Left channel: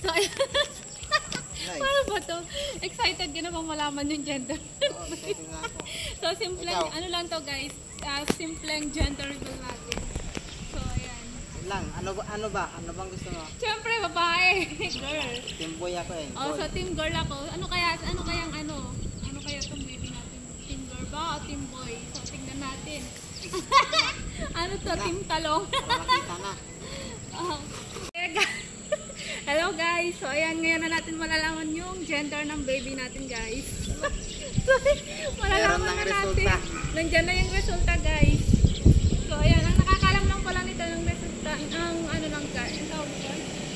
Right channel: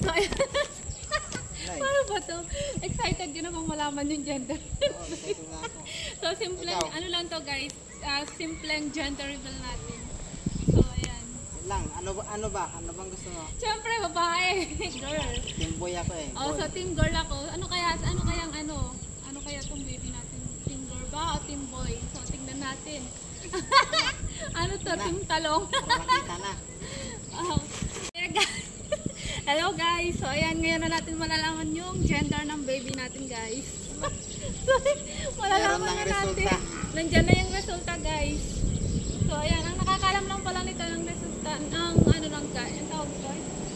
So, paano ba to? Excited ka namang malaman yung gender. Oo, excited na ako. So, simpleng, ano lang to guys, simpleng gender reveal natin. So, ayan. Lang, ano ba? Ano bang gusto mo? Siyempre, babae. Girl. Team boy ako eh. Oh, so team girl ako. Ano kaya tong baby natin? Team girl ba o team boy? So, tingnan natin. Ano to? Team talong? Para makita na. Oh. Hello guys. So, ayan, ngayon na natin malalaman yung gender ng baby natin, guys. So, malalaman na natin. Nandiyan na yung resulta, guys. So, ayan, ang nakakalam lang pala nito ng resulta,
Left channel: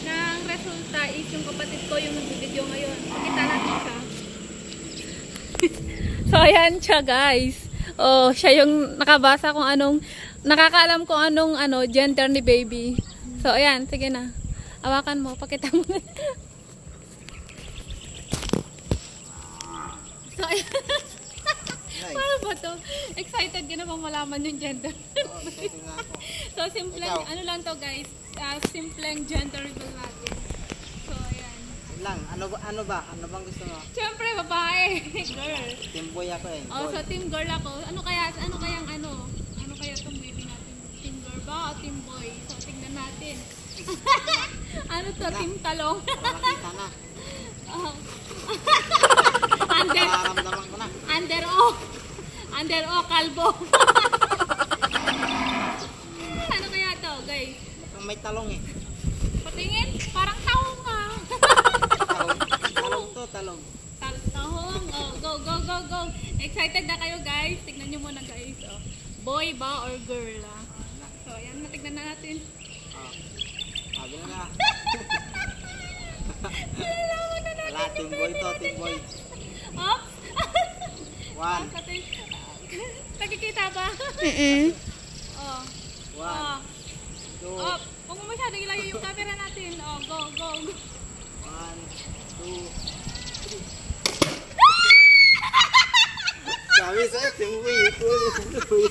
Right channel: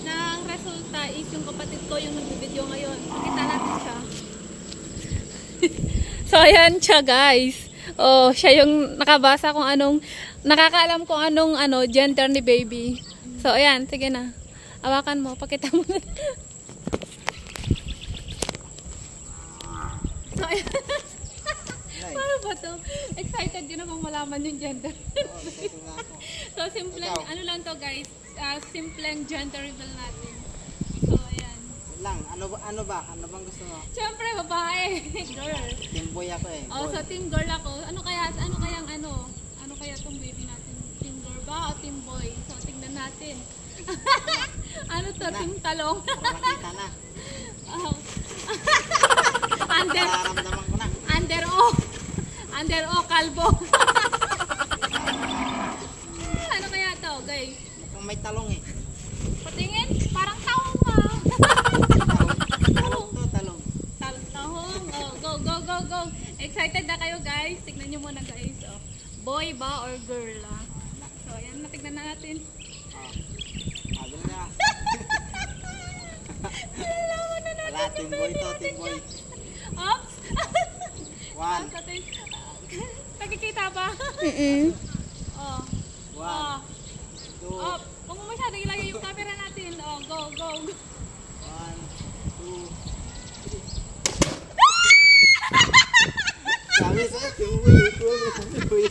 ng resulta is yung kapatid ko yung nag-video ngayon. Pakita natin siya. So, ayan siya, guys. Oh, siya yung nakabasa kung anong, nakakaalam kung anong gender ni baby. So, ayan, sige na. Hawakan mo, pakita mo. So, ayan. Paano ba to? Excited ka namang malaman yung gender. Oo, excited na ako. So, simpleng, ano lang to guys, simpleng gender reveal natin. So, ayan. Lang, ano ba? Ano bang gusto mo? Siyempre, babae. Girl. Team boy ako eh. Oh, so team girl ako. Ano kaya tong baby natin? Team girl ba o team boy? So, tingnan natin. Ano to? Team talong? Para makita na. Oh. Nararamdaman ko na. Under O, kalbo. Ano kaya to, guys? Mukhang may talong eh. Patingin, parang tahong ha. Talong to, talong. Tahong. Oh, go. Excited na kayo, guys? Tignan nyo muna, guys. Oh. Boy ba or girl? Ah? So, ayan, matignan na natin. Sabi na. Wala, team boy to, team boy. Oops! 1, Nagkikita ba? Oh. 1, 2, Oh, huwag mo masyadong ilayo yung camera natin. Oh, go. 1, 2, 3. Sabi sa'yo, team boy.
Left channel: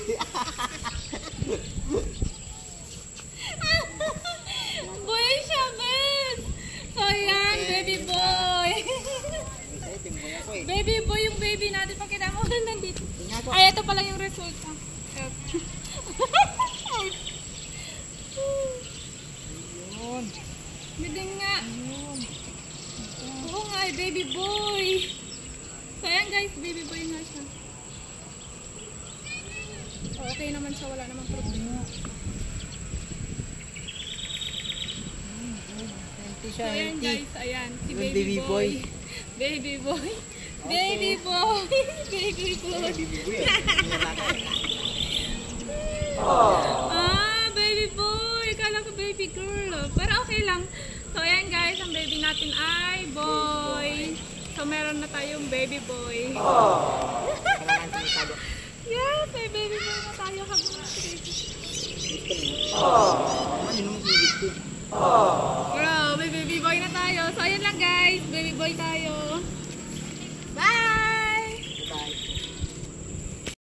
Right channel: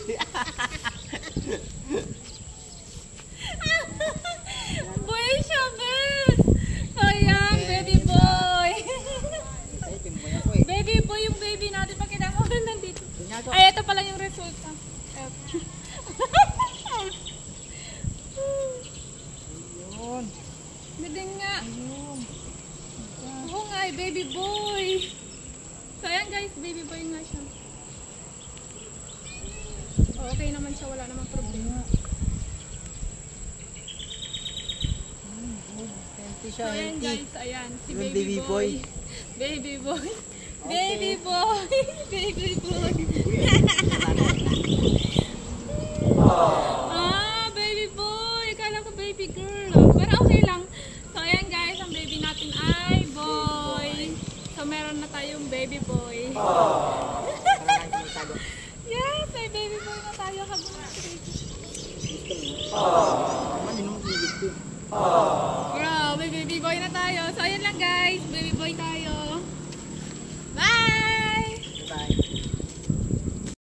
Boy siya, guys! So, ayan, baby boy. Sa'yo, team boy ako eh. Baby boy yung baby natin. Pakita mo nandito. Tingnan ko. Ay, ito pala yung result. Ayun. Galing nga. Ayun. Oo nga, baby boy. So, ayan guys, baby boy nga siya. Oh, okay naman siya, wala namang problema. So, ayan guys, ayan, si Yung baby boy. baby boy. Baby boy. Okay. Baby boy. Baby boy. Baby boy. Kala ko baby girl. Pero okay lang. So, ayan guys, ang baby natin ay boy. So, meron na tayong baby boy. Kailangan ko may tago. Yes, may baby boy na tayo habang natin. Ano mo sinigit ko? Bro, may baby boy na tayo. So, ayun lang guys. Baby boy tayo.